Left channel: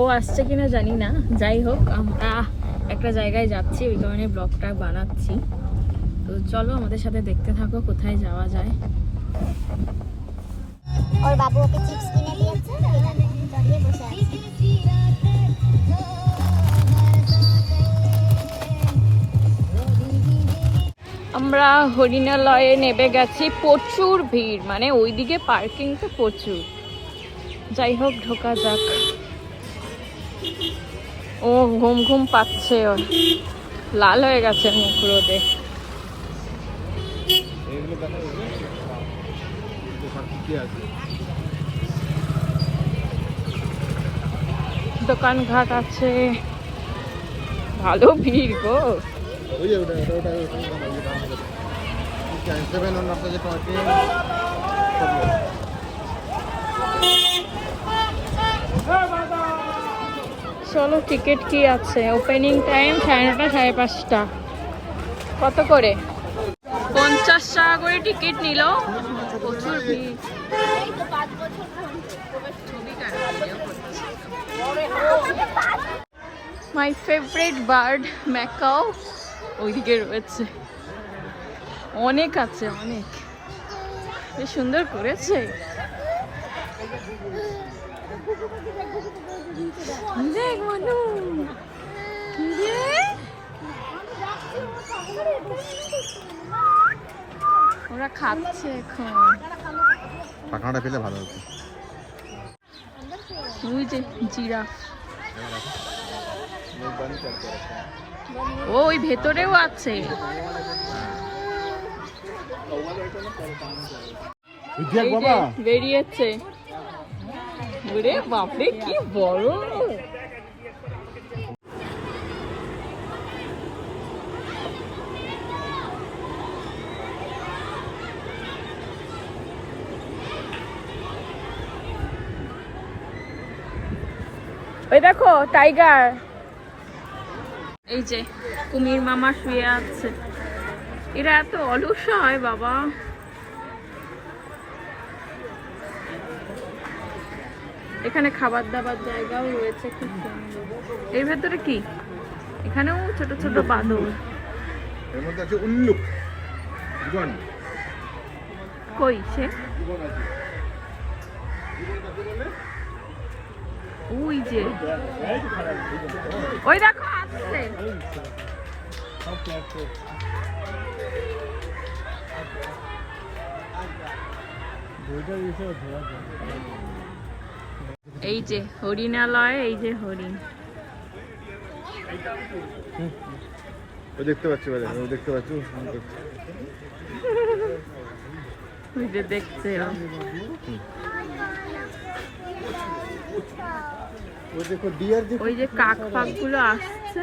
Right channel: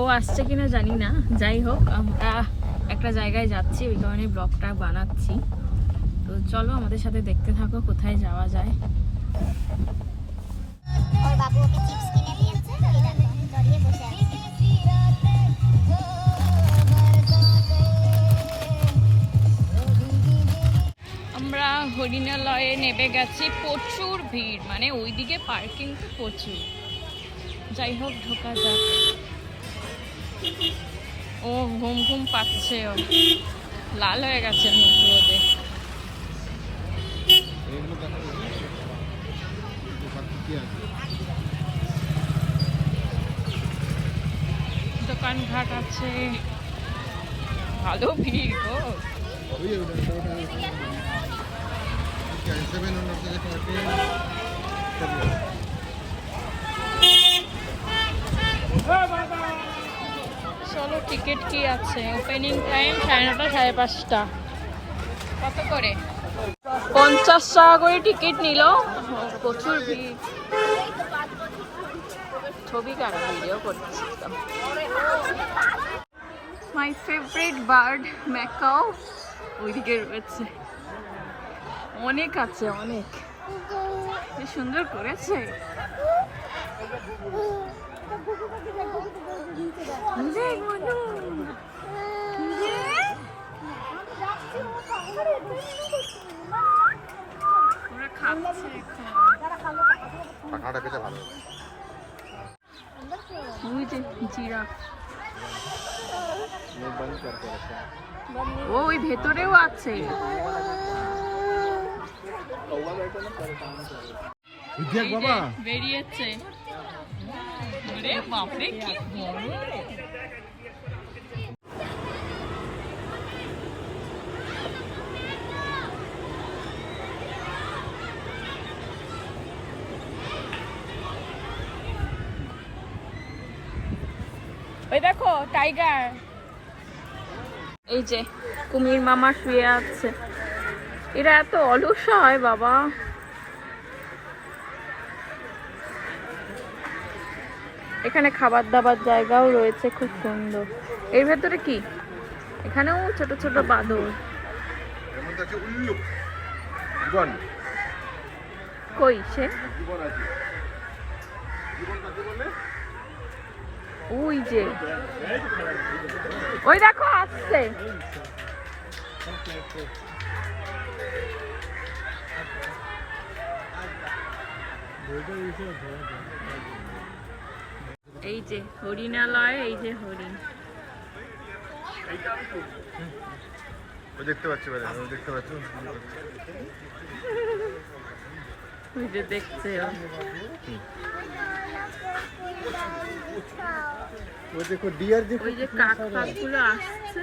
ও আসছে কিনা জানি না, যাই হোক আমরা একটা জায়গায় যাচ্ছি, ওই কারণে ব্লগটা বানাচ্ছি। তো চলো আমাদের সাথে দেখতে থাকো কোথায় যাওয়া যায়। ওর বাবু ওকে চিপস কিনে দিয়েছে, এটা জড়িয়ে বসে আছে। আমরা হরিণালয়ে নেমে গেছি, প্রচুর ভিড়, মানে ওইদিকে পার্কিং তো প্রচুর। যাই হোক ঢোকা যাক। ও ঘুম ঘুম পাচ্ছে, ওর লাল হয়ে গেছে মুখ রোদে। দোকানঘাট আছে, ভালো ভিড় গো। চলো টিকিট কি আছে? Opening time 9:30 5:30। কত করে? 50 টাকা করে টিকিট নিল। প্রচুর ভিড়। ছবি কেন ভিডিও করছিস? মাই ফেভারিট বার্ড ম্যাকাও ওইদিকে রয়েছে, অনেক আছে, অনেক বেশ সুন্দর করেছে। দেখ মনু, ওরা খাচ্ছে এখন। ওই যে জিরাফ, ওই ভেতরেও আছে। বেরিয়েছে, বাপরে কি বড়। ওই দেখো টাইগার। এই যে কুমির মামা শুয়ে আছে। এরা এত অলস হয় বাবা। এখানে খাবার দাবার জায়গাও রয়েছে, খুব সুন্দর। এর ভেতরে কি? এখানেও ছোট ছোট বাদর। কই সে? ওই যে, ওই দেখো আসছে। এই যে হরিণালয়, এই যে হরিণ দেখতে পাচ্ছি, দেখতে পাচ্ছি, ওই যে দেখছে। ওই যে কাক ফাক গুলো আসছে।